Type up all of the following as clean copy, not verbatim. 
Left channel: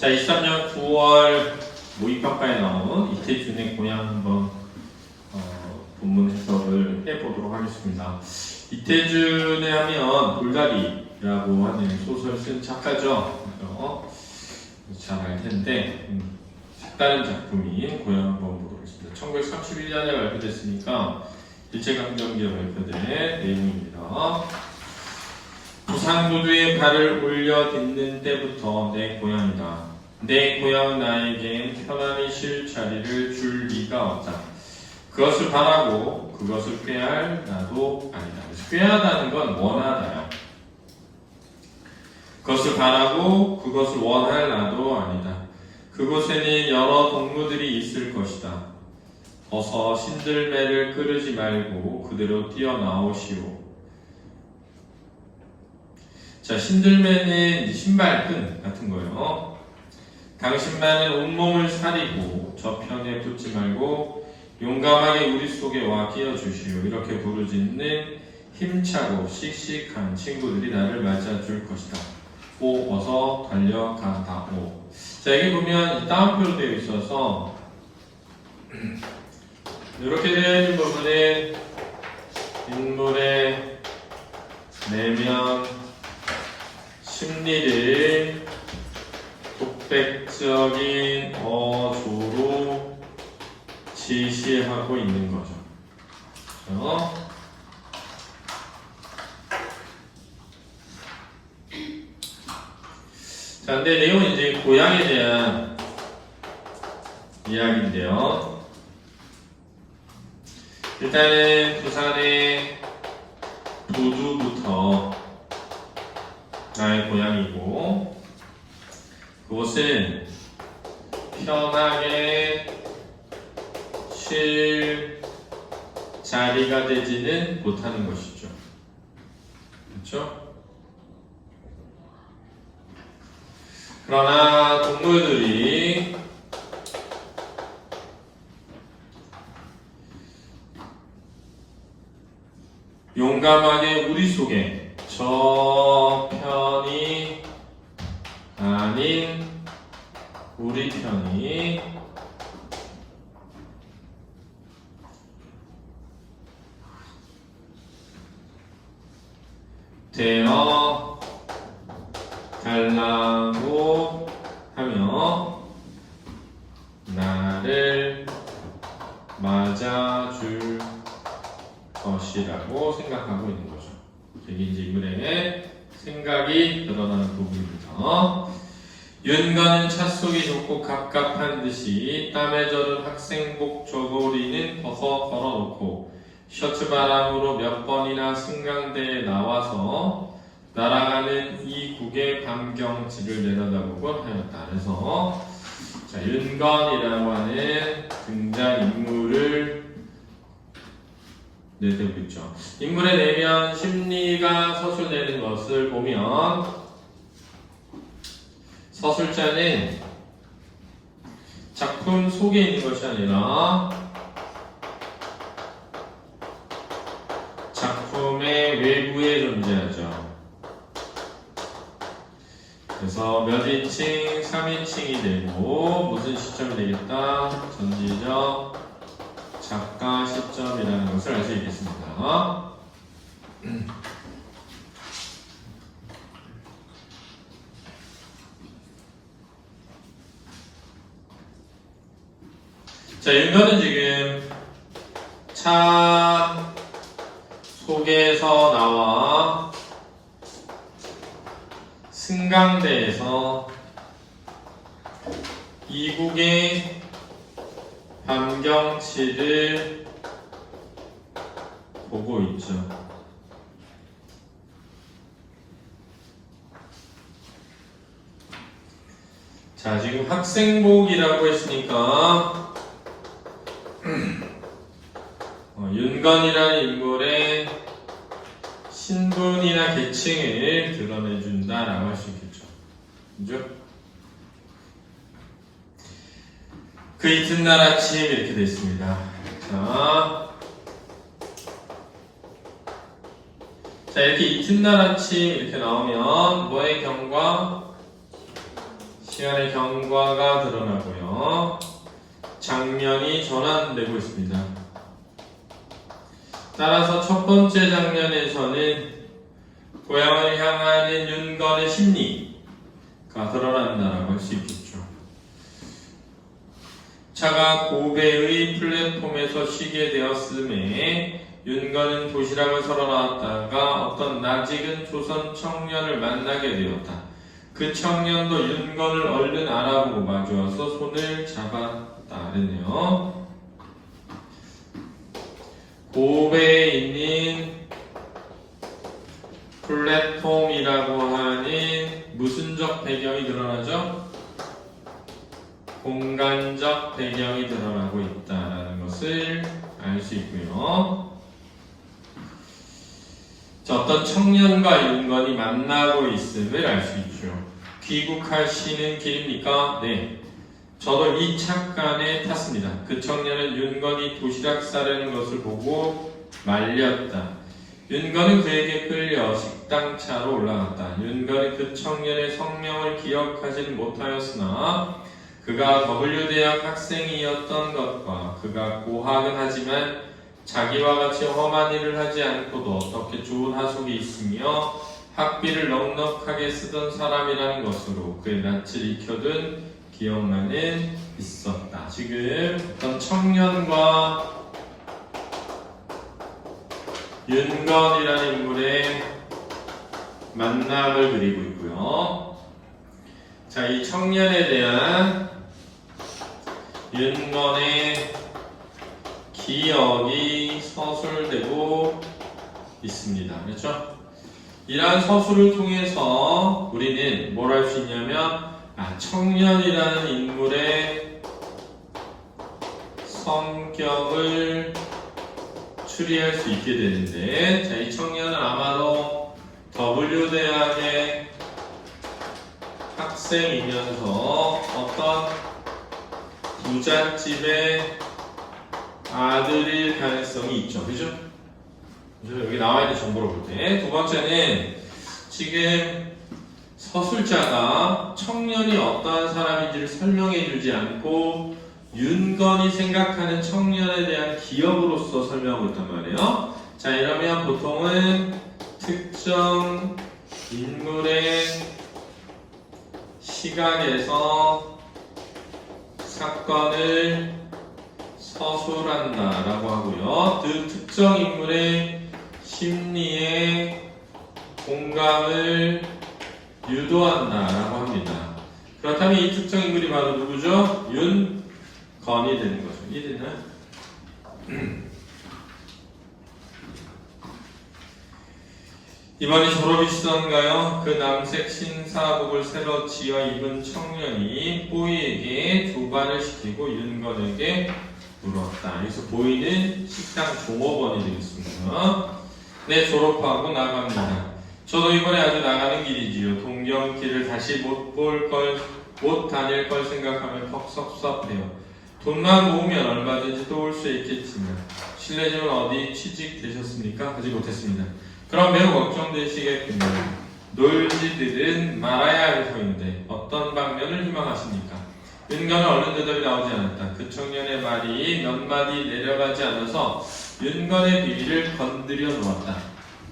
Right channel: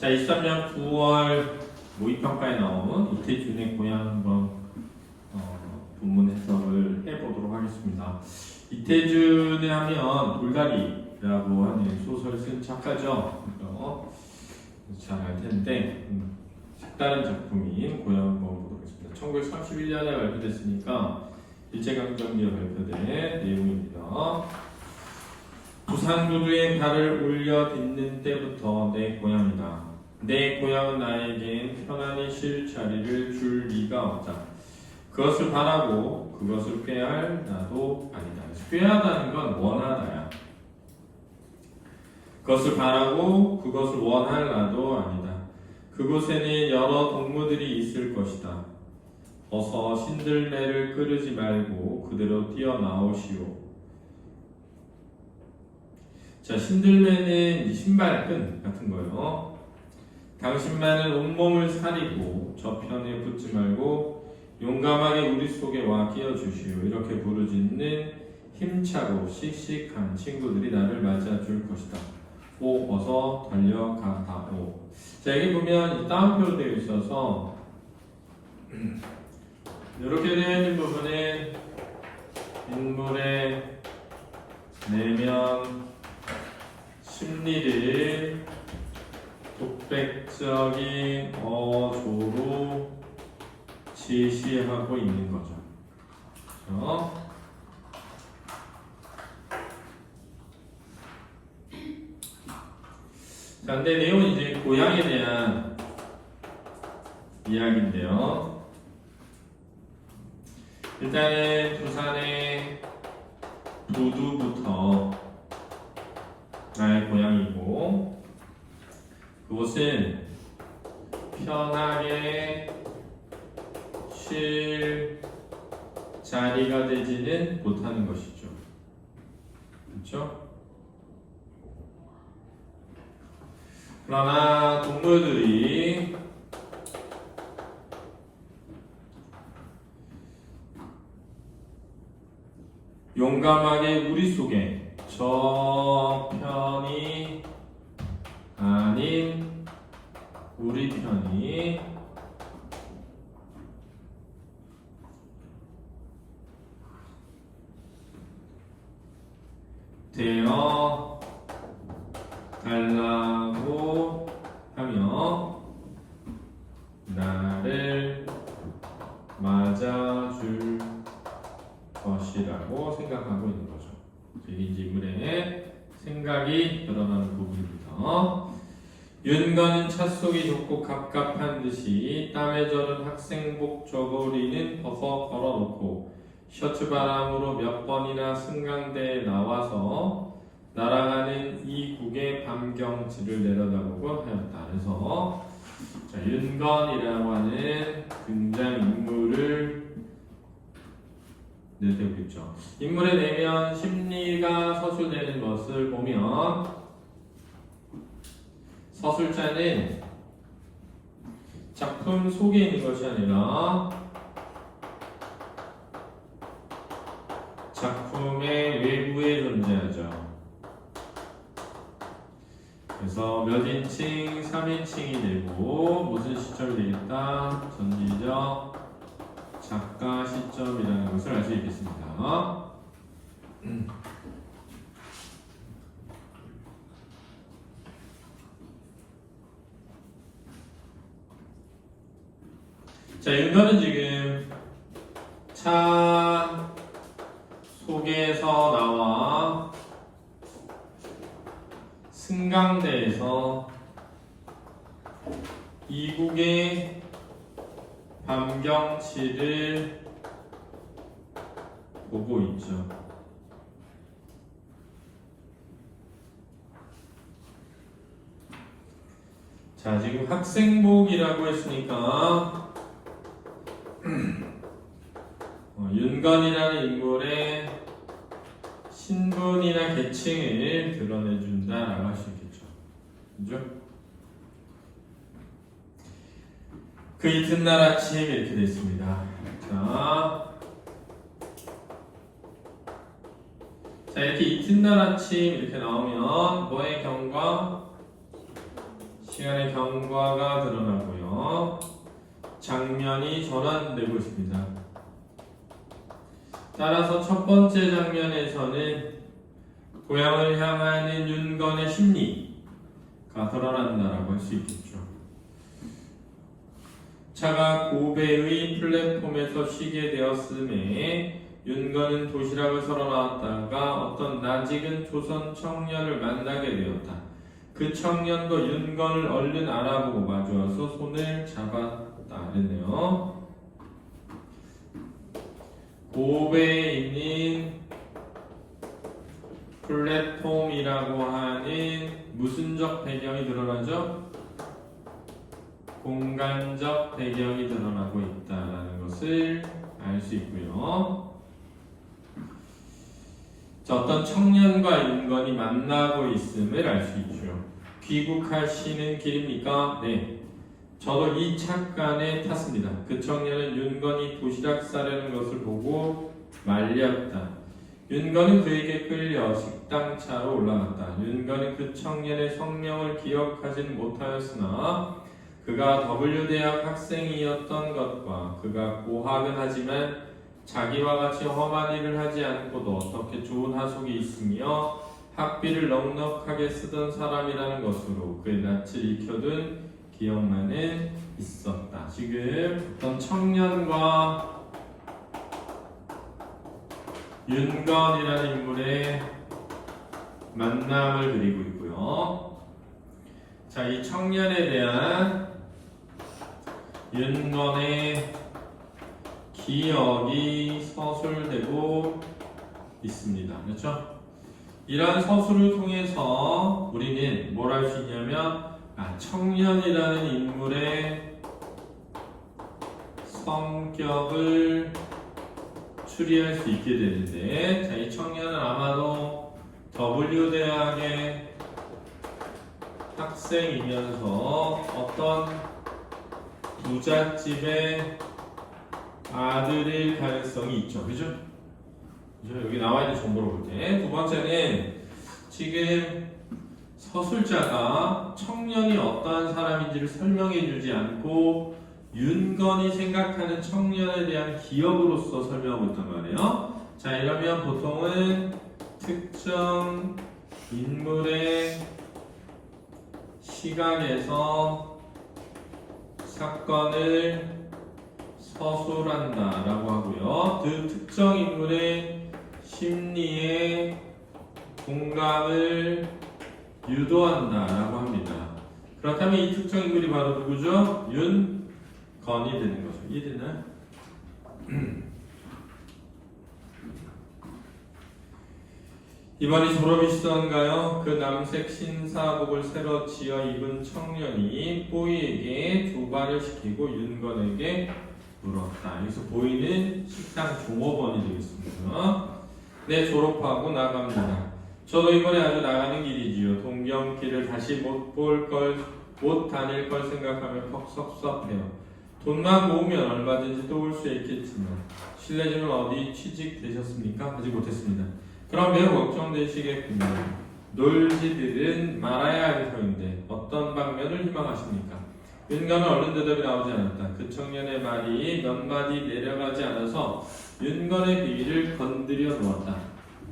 자, 23년 9월 모의평가에 나온 이태준의 고향 한번 본문 해석을 해보도록 하겠습니다. 이태준에 하면 돌다리라고 하는 소설 쓴 작가죠. 잘 알 텐데 색다른 작품인 고향 한번 보도록 하겠습니다. 1931년에 발표됐으니까 일제강점기에 발표된 내용입니다. 부산구두에 발을 올려 딛는 때부터 내 고향이다. 내 고향 나에겐 편안히 쉴 자리를 줄 리가 없다. 그것을 바라고 그것을 꾀할 나도 아니다. 꾀하다는 건 원하다요. 그것을 바라고 그것을 원할 나도 아니다. 그곳에는 여러 동무들이 있을 것이다. 어서 신들매를 끄르지 말고 그대로 뛰어나오시오. 자, 신들매는 신발끈 같은 거예요. 당신만은 온몸을 사리고 저편에 붙지 말고 용감하게 우리 속에 와 끼어주시오. 이렇게 부르짖는 힘차고 씩씩한 친구들이 나를 맞아줄 것이다. 오, 어서 달려가다오. 자, 여기 보면 따옴표로 되어 있어서 이렇게 되어 있는 부분에 인물의 내면 심리를 독백적인 어조로 지시하고 있는 거죠. 자, 근데 내용은 이제 고향에 대한 이야기인데요. 일단은 부산의 도두부터 나의 고향이고, 그곳은 편하게 쉴 자리가 되지는 못하는 것이죠. 그렇죠? 그러나 동물들이 용감하게 우리 속에 저 편이 아닌 우리 편이 되어 달라고 하며 나를 맞아줄 것이라고 생각하고 있는 거죠. 여기 이제 인물의 생각이 드러나는 부분입니다. 윤건은 차 속이 좁고 갑갑한 듯이 땀에 젖은 학생복 저고리는 벗어 걸어놓고 셔츠 바람으로 몇 번이나 승강대에 나와서 날아가는 이국의 밤경치를 내려다보곤 하였다. 그래서 자, 윤건이라고 하는 등장인물을 내세우고 있죠. 인물의 내면 심리가 서술되는 것을 보면 서술자는 작품 속에 있는 것이 아니라 작품의 외부에 존재하죠. 그래서 몇 인칭, 3인칭이 되고 무슨 시점이 되겠다? 전지적 작가 시점이라는 것을 알 수 있겠습니다. 자, 윤건은 지금 차 속에서 나와 승강대에서 이국의 밤경치를 보고 있죠. 자, 지금 학생복이라고 했으니까 윤건이라는 인물의 신분이나 계층을 드러내준다라고 할 수 있겠죠. 그죠? 그 이튿날 아침 이렇게 되어 있습니다. 자, 이렇게 이튿날 아침 이렇게 나오면 뭐의 경과? 시간의 경과가 드러나고요. 장면이 전환되고 있습니다. 따라서 첫 번째 장면에서는 고향을 향하는 윤건의 심리가 드러난다라고 할 수 있겠죠. 차가 고베의 플랫폼에서 쉬게 되었음에 윤건은 도시락을 사러 나왔다가 어떤 낯익은 조선 청년을 만나게 되었다. 그 청년도 윤건을 얼른 알아보고 마주와서 손을 잡았다 그랬네요. 고베에 있는 플랫폼이라고 하는 무슨적 배경이 드러나죠? 공간적 배경이 드러나고 있다는 것을 알 수 있고요. 어떤 청년과 윤건이 만나고 있음을 알 수 있죠. 귀국하시는 길입니까? 네. 저도 이 차간에 탔습니다. 그 청년은 윤건이 도시락 싸려는 것을 보고 말렸다. 윤건은 그에게 끌려 식당 차로 올라갔다. 윤건은 그 청년의 성명을 기억하지는 못하였으나 그가 W대학 학생이었던 것과 그가 고학은 하지만 자기와 같이 험한 일을 하지 않고도 어떻게 좋은 하숙이 있으며 학비를 넉넉하게 쓰던 사람이라는 것으로 그의 낯을 익혀둔 기억만은 있었다. 지금 어떤 청년과 윤건이라는 인물의 만남을 그리고 있고요. 자, 이 청년에 대한 윤건의 기억이 서술되고 있습니다. 그렇죠? 이러한 서술을 통해서 우리는 뭘 할 수 있냐면 청년이라는 인물의 성격을 추리할 수 있게 되는데, 자, 이 청년은 아마도 W대학의 학생이면서 어떤 부잣집의 아들일 가능성이 있죠. 그죠? 여기 나와 있는 정보를 볼 때. 두 번째는 지금 서술자가 청년이 어떠한 사람인지를 설명해 주지 않고 윤건이 생각하는 청년에 대한 기억으로서 설명하고 있단 말이에요. 자, 이러면 보통은 특정 인물의 시각에서 사건을 서술한다라고 하고요. 그 특정 인물의 심리에 공감을 유도한다라고 합니다. 그렇다면 이 특정 인물이 바로 누구죠? 윤건이 되는 거죠. 이해되나요? 이번이 졸업이시던가요? 그 남색 신사복을 새로 지어 입은 청년이 뽀이에게 조반을 시키고 윤건에게 물었다. 여기서 보이는 식당 종업원이 되겠습니다. 네, 졸업하고 나갑니다. 저도 이번에 아주 나가는 길이지요. 동경길을 다시 못 다닐 걸 생각하면 퍽 섭섭해요. 돈만 모으면 얼마든지 또 올 수 있겠지만 실례지만 어디 취직되셨습니까? 하지 못했습니다. 그럼 매우 걱정되시겠군요. 놀지들은 말아야 할 터인데 어떤 방면을 희망하십니까? 윤건은 얼른 대답이 나오지 않았다. 그 청년의 말이 몇 마디 내려가지 않아서 윤건의 비위를 건드려 놓았다.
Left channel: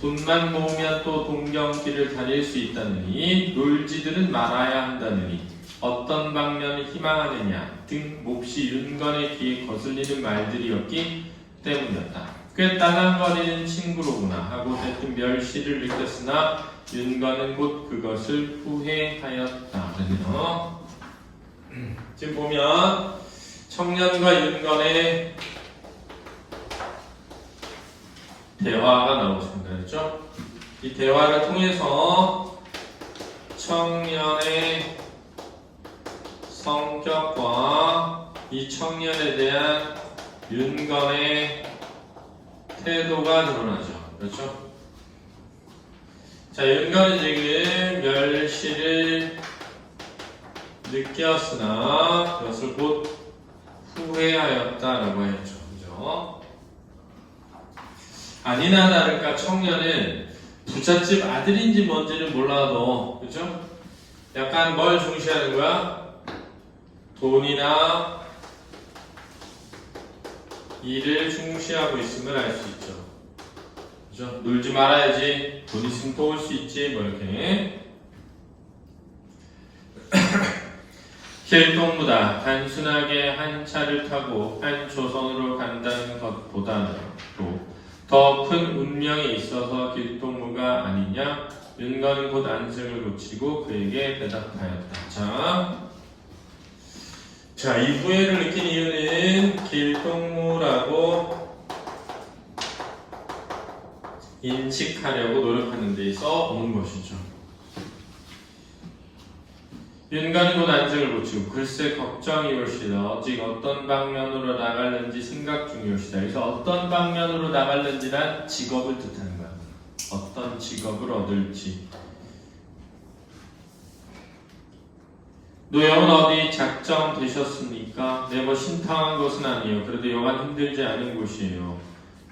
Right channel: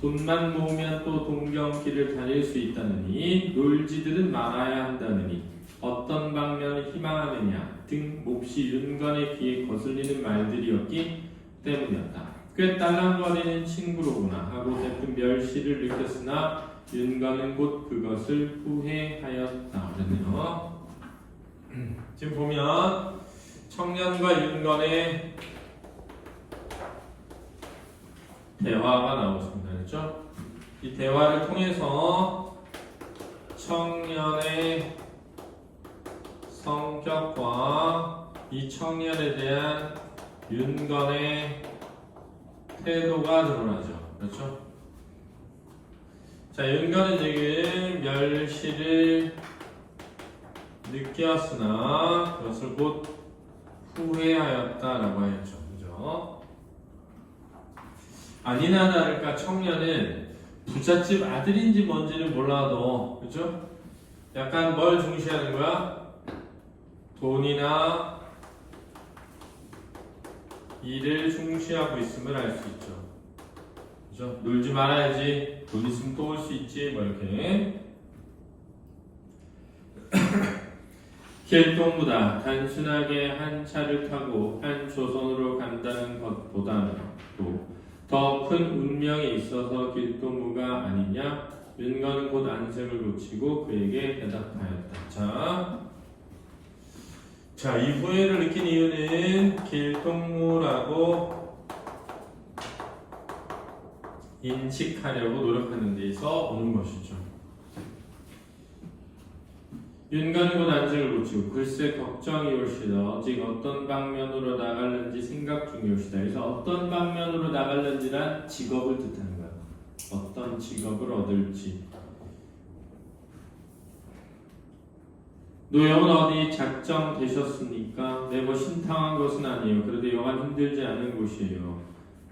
돈만 모으면 또 동경길을 다닐 수 있다느니 놀지들은 말아야 한다느니 어떤 방면을 희망하느냐 등 몹시 윤건의 귀에 거슬리는 말들이었기 때문이었다. 꽤 따랑거리는 친구로구나 하고 대뜸 멸시를 느꼈으나 윤건은 곧 그것을 후회하였다. 그러네요. 지금 보면 청년과 윤건의 대화가 나오십니다. 그렇죠? 이 대화를 통해서 청년의 성격과 이 청년에 대한 윤건의 태도가 드러나죠. 그렇죠? 자, 윤건은 지금 멸시를 느꼈으나 그것을 곧 후회하였다라고 했죠. 그죠? 아니나 다를까 청년은 부잣집 아들인지 뭔지는 몰라도, 그죠? 약간 뭘 중시하는 거야? 돈이나 일을 중시하고 있음을 알 수 있죠. 그죠? 놀지 말아야지. 돈 있으면 또 올 수 있지. 뭐 이렇게. 길동무다. 단순하게 한 차를 타고 한 조선으로 간다는 것보다는 더 큰 운명이 있어서 길동무가 아니냐? 윤건은 곧 안색을 고치고 그에게 대답하였다. 자, 이 후회를 느낀 이유는 길동무라고 인식하려고 노력하는 데 있어 오는 것이죠. 윤건은 곧 안색을 고치고 글쎄 걱정이 올시다. 오직 어떤 방면으로 나갈는지 생각 중이올시다. 그래서 어떤 방면으로 나갈는지란 직업을 뜻하는 거야. 어떤 직업을 얻을지. 노영은 어디 작정되셨습니까? 네, 뭐 신탕한 곳은 아니에요. 그래도 여간 힘들지 않은 곳이에요.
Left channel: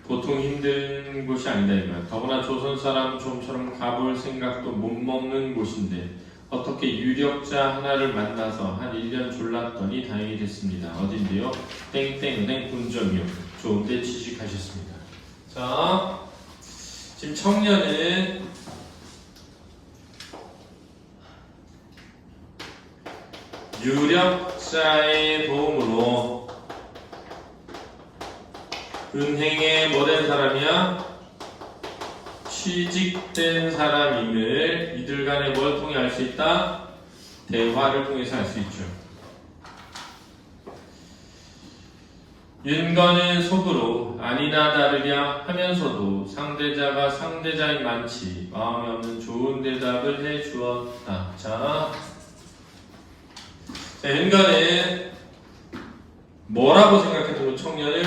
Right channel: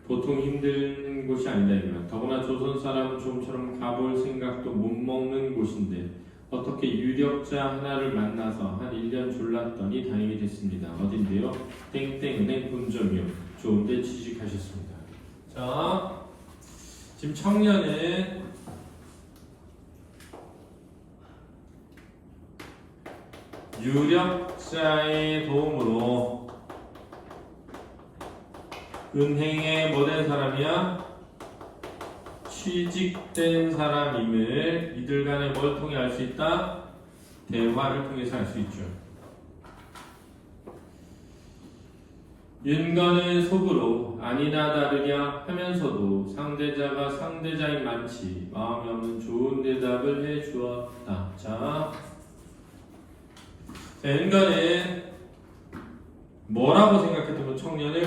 보통 힘든 곳이 아니다 이거야. 더구나 조선 사람 좀처럼 가볼 생각도 못 먹는 곳인데 어떻게 유력자 하나를 만나서 한 1년 졸랐더니 다행이 됐습니다. 어딘데요? 땡땡은행 본점이요. 좋은데 취직하셨습니다. 자, 지금 청년은 유력자의 도움으로 은행에 뭐 된 사람이야? 취직된 사람임을 이들 간에 뭘 통해 알 수 있다? 대화를 통해서 알 수 있죠. 윤건은 속으로 아니나 다르랴 하면서도 상대자가 상대자인 많지 마음에 없는 좋은 대답을 해주었다. 자, 윤건은 뭐라고 생각했던 청년을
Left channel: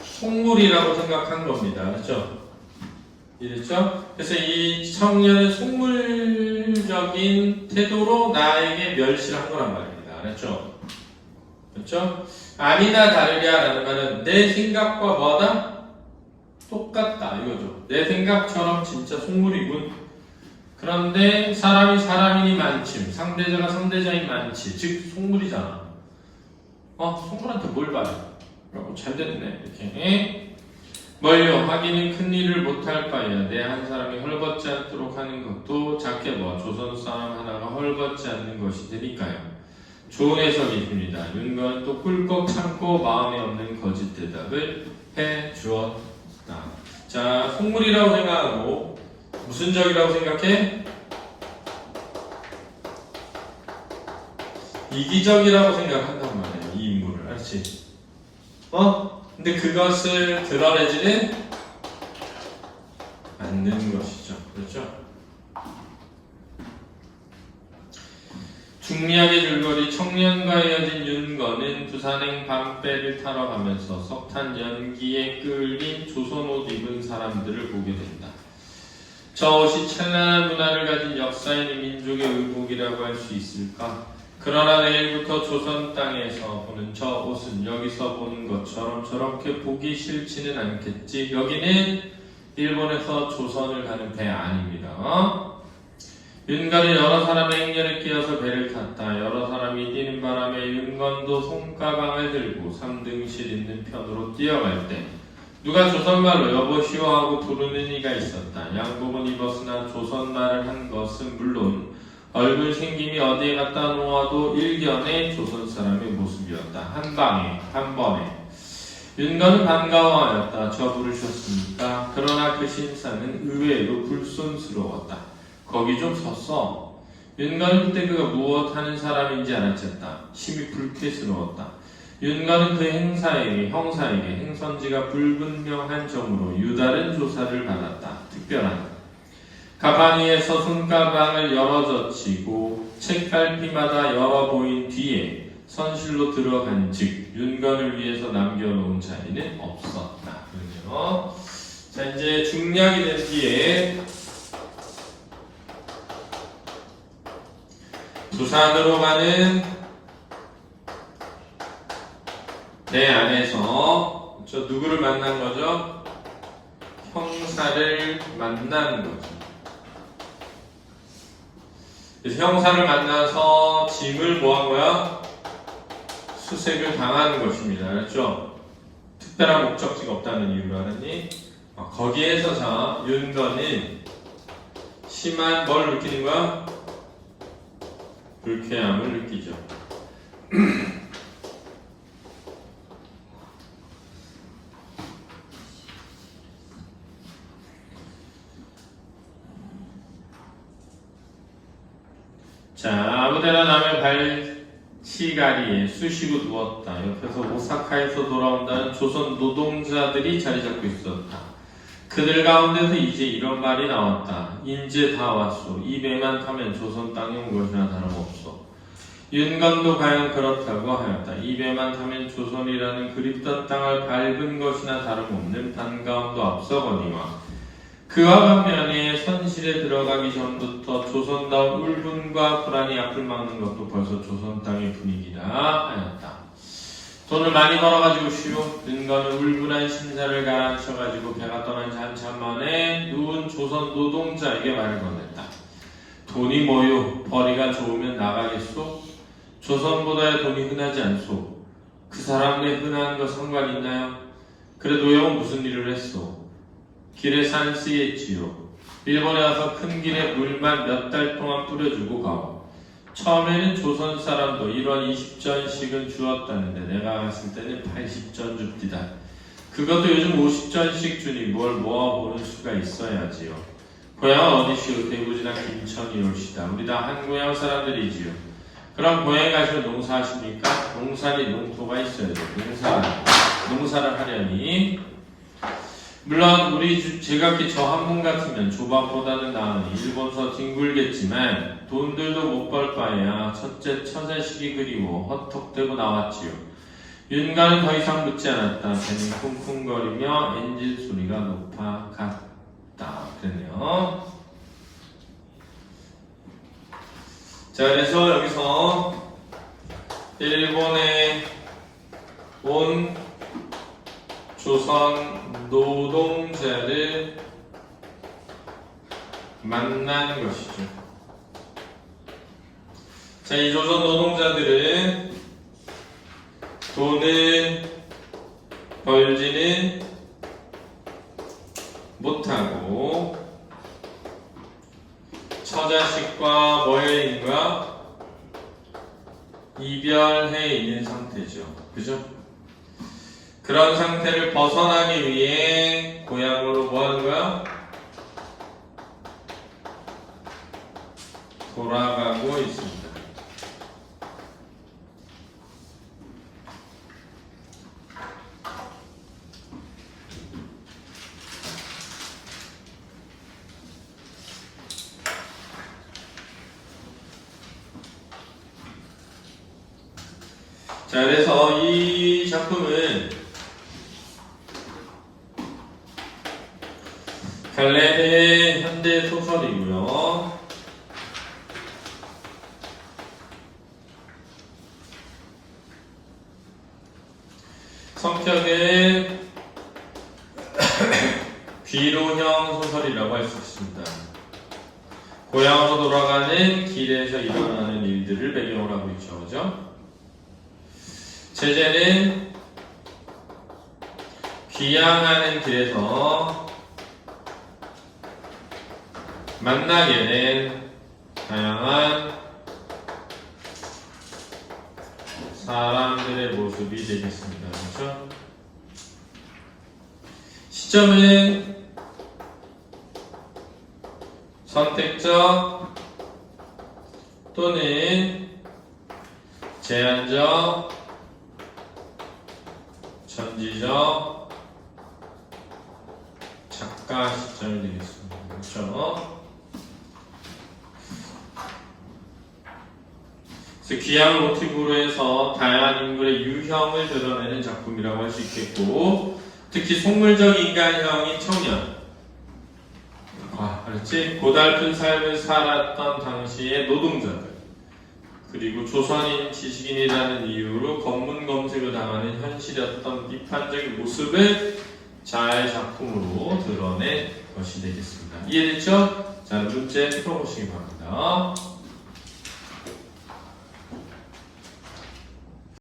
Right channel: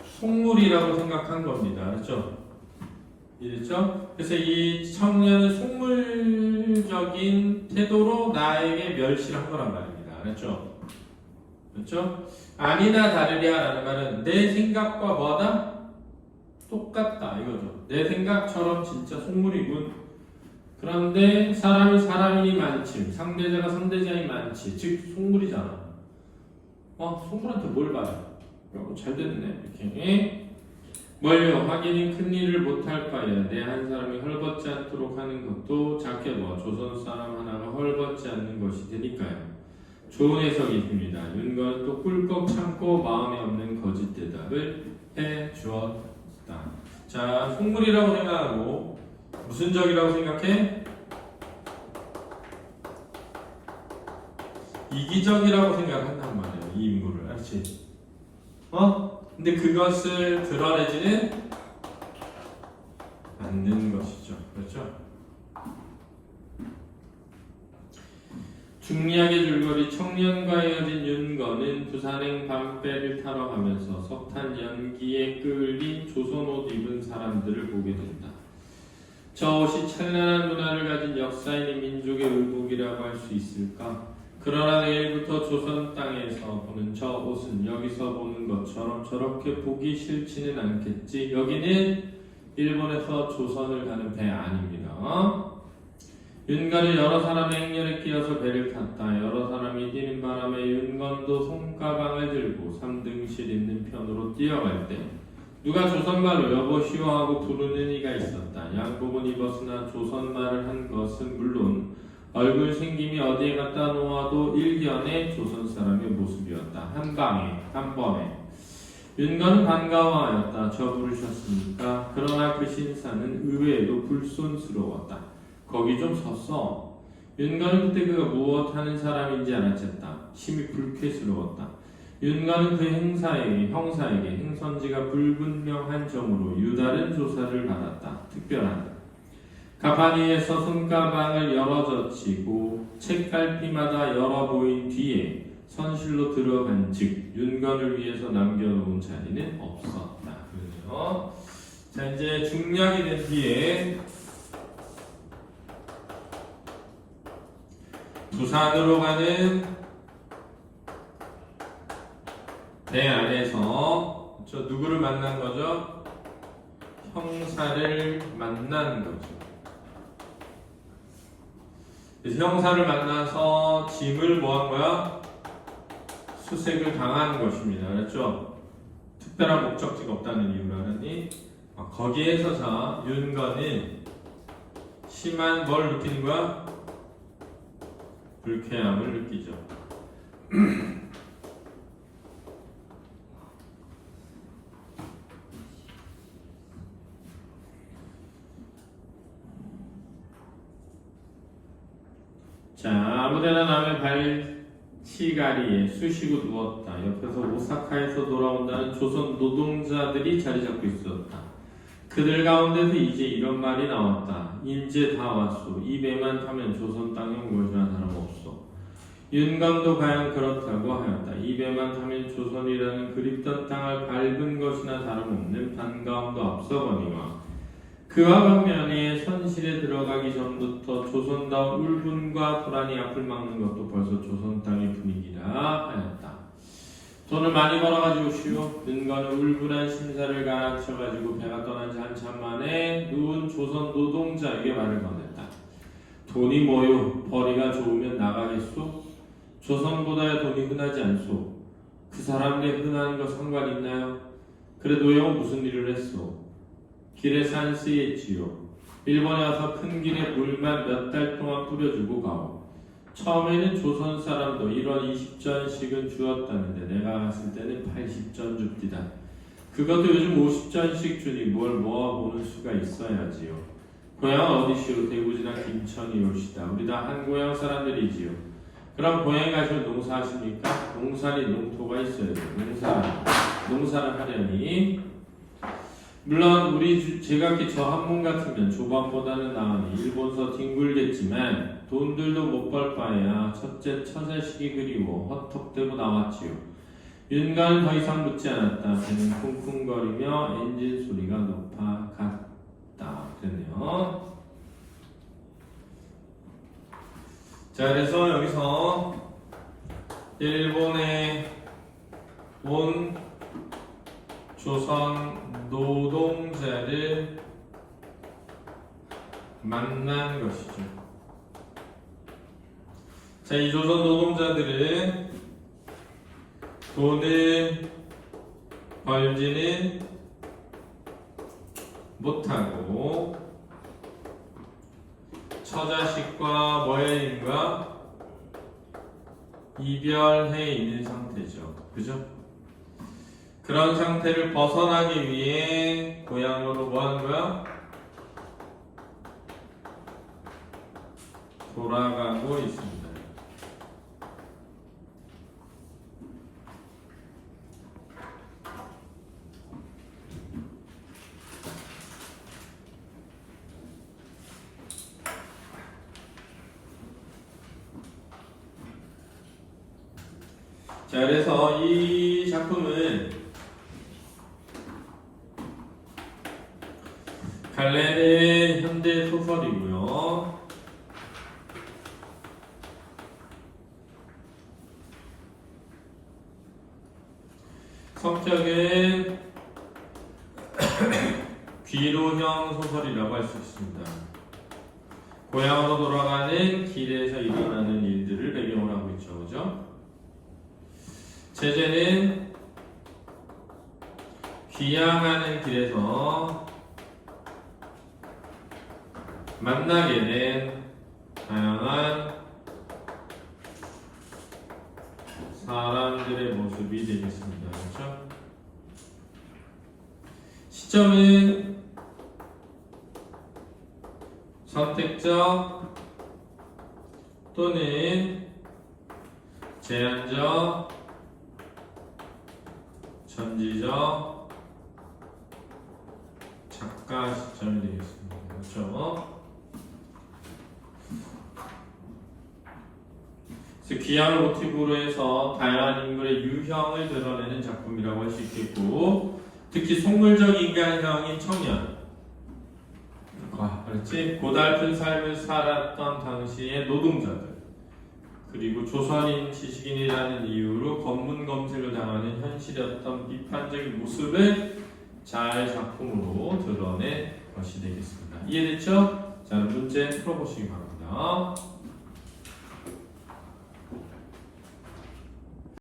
속물이라고 생각한 겁니다. 그렇죠? 이랬죠? 그래서 이 청년은 속물적인 태도로 나에게 멸시를 한 거란 말입니다. 그렇죠? 그렇죠? 아니나 다르랴라는 말은 내 생각과 뭐다? 똑같다 이거죠. 내 생각처럼 진짜 속물이군. 그런데 사람이 사람이니 많지, 상대자가 상대자인 많지, 즉 속물이잖아. 속물한테 뭘 봐요? 잘 됐네. 이렇게 멀려 하기는 큰 일을 못할 바야. 내 한 사람이 헐벗지 않도록 하는 것도 작게 봐. 조선 사람 하나가 헐벗지 않는 것이 되니까요. 좋은 해석이 있습니다. 윤건은 또 꿀꺽 참고 마음에 없는 거짓 대답을 해 주었다. 자, 속물이라고 생각하고 무슨 적이라고 생각해? 이기적이라고 생각한단 말이에요. 이 인물을. 알지? 근데 그것을 드러내지는 않는 것이죠. 그렇죠? 중리하게 줄거리 청년과 헤어진 윤건은 부산행 밤배를 타러 가면서 석탄 연기에 끌린 조선 옷 입은 사람들을 보게 된다. 저 옷이 찬란한 문화를 가진 역사인 민족의 의복이라고 할 수 있을까? 그러나 내일부터 조선 땅에서 보는 저 옷은 여기서 보는 것처럼 저렇게 보기 싫지는 않겠지. 여기는 일본에서 조선을 가는 배 아닙니다. 윤건이 여러 사람의 행렬에 끼어서 배를 탔다. 여러 사람이 뛰는 바람에 윤건도 손가방을 들고 3등실 있는 편으로 뛰어갈 때 누가 조선말로 여보시오 하고 부르는 이가 있었다. 양복은 입었으나 조선말을 한 것은 물론 얼굴 생김이 어디에 갖다 놓아도 일견의 조선 사람의 모습이었다. 한 방에 한 번에 윤건은 반가워하였다. 저 부르셨습니까? 그러나 그 신사는 의외로 불손스러웠다. 거기 좀 섰어. 윤건은 그때 그가 무엇 하는 사람인지 알아챘다. 심히 불쾌스러웠다. 윤건은 그 형사에게 행선지가 불분명한 점으로 유다른 조사를 받았다. 특별한 가방 위에서 손가방을 열어젖히고 책갈피마다 열어 보인 뒤에 선실로 들어간 즉 윤건을 위해서 남겨놓은 자리는 없었다. 그렇죠? 자, 이제 중략이 된 뒤에 부산으로 가는 내 안에서 저 누구를 만난 거죠? 형사를 만난 거죠. 그래서 형사를 만나서 짐을 뭐 한 거야? 수색을 당한 것입니다. 그렇죠? 특별한 목적지가 없다는 이유로 하느니 거기에서 자 윤건은 심한 뭘 느끼는 거야? 불쾌함을 느끼죠. 자, 아무데나 남의 발치가리에 쑤시고 누웠다. 옆에서 오사카에서 돌아온다는 조선 노동자들이 자리 잡고 있었다. 그들 가운데서 이제 이런 말이 나왔다. 인제 다 왔소. 이 배만 타면 조선 땅에 온 것이나 다름없소. 윤건도 과연 그렇다고 하였다. 이 배만 타면 조선이라는 그립던 땅을 밟은 것이나 다름없는 반가움도 앞서거니와 그와 반면에 선실에 들어가기 전부터 조선다운 울분과 불안이 앞을 막는 것도 벌써 조선 땅의 분위기라 하였다. 돈을 많이 벌어가지고 쉬우 윤건은 울분한 신사를 가라앉혀가지고 배가 떠난 지 한참 만에 누운 조선 노동자에게 말을 건넸다. 돈이 뭐요? 벌이가 좋으면 나가겠소? 조선보다 돈이 흔하지 않소. 그 사람네 흔한 거 상관 있나요? 그래도 형 무슨 일을 했소? 길에 산 쓰였지요. 일본에 와서 큰 길에 물만 몇 달 동안 뿌려주고 가오. 처음에는 조선 사람도 1원 20전씩은 주었다는데 내가 갔을 때는 80전 줍디다. 그것도 요즘 50전씩 주니 뭘 모아보는 수가 있어야지요. 고향은 어디시오? 대구지나 김천이 올시다. 우리 다 한 고향 사람들이지요. 그럼 고향에 가시면 농사하십니까? 농사니 농토가 있어야 돼요. 농사를 하려니 물론 제각기 저 한 분 같으면 조밥보다는 나으니 일본서 뒹굴겠지만 돈들도 못 벌 바에야 첫째 처자식이 그리워 헛턱대고 나왔지요. 윤가는 더 이상 묻지 않았다. 배는 쿵쿵거리며 엔진 소리가 높아갔다. 그러네요. 자, 그래서 여기서 일본에 온 조선 노동자를 만난 것이죠. 자, 이 조선 노동자들은 돈을 벌지는 못하고 처자식과 뭐해 있는 거야? 이별해 있는 상태죠. 그죠? 그런 상태를 벗어나기 위해 고향으로 뭐 하는 거야? 돌아가고 있습니다. 자, 그래서 이 작품은 갈레의 현대 소설이고요. 성격은 귀로형 소설이라고 할 수 있습니다. 고향으로 돌아가는 길에서 일어나는 일들을 배경으로 하고 있죠. 그죠? 제재는 귀향하는 길에서 만나게 된 다양한 사람들의 모습이 되겠습니다. 그렇죠? 시점은 선택적 또는 제한적, 전지적, 작가 시점이 되겠습니다. 그렇죠? 그래서 귀향을 모티브로 해서 다양한 인물의 유형을 드러내는 작품이라고 할 수 있겠고, 특히 속물적 인간형인 청년, 그렇지? 고달픈 삶을 살았던 당시의 노동자들, 그리고 조선인 지식인이라는 이유로 검문 검색을 당하는 현실이었던 비판적인 모습을 잘 작품으로 드러낸 것이 되겠습니다. 이해됐죠? 자, 문제 풀어보시기 바랍니다.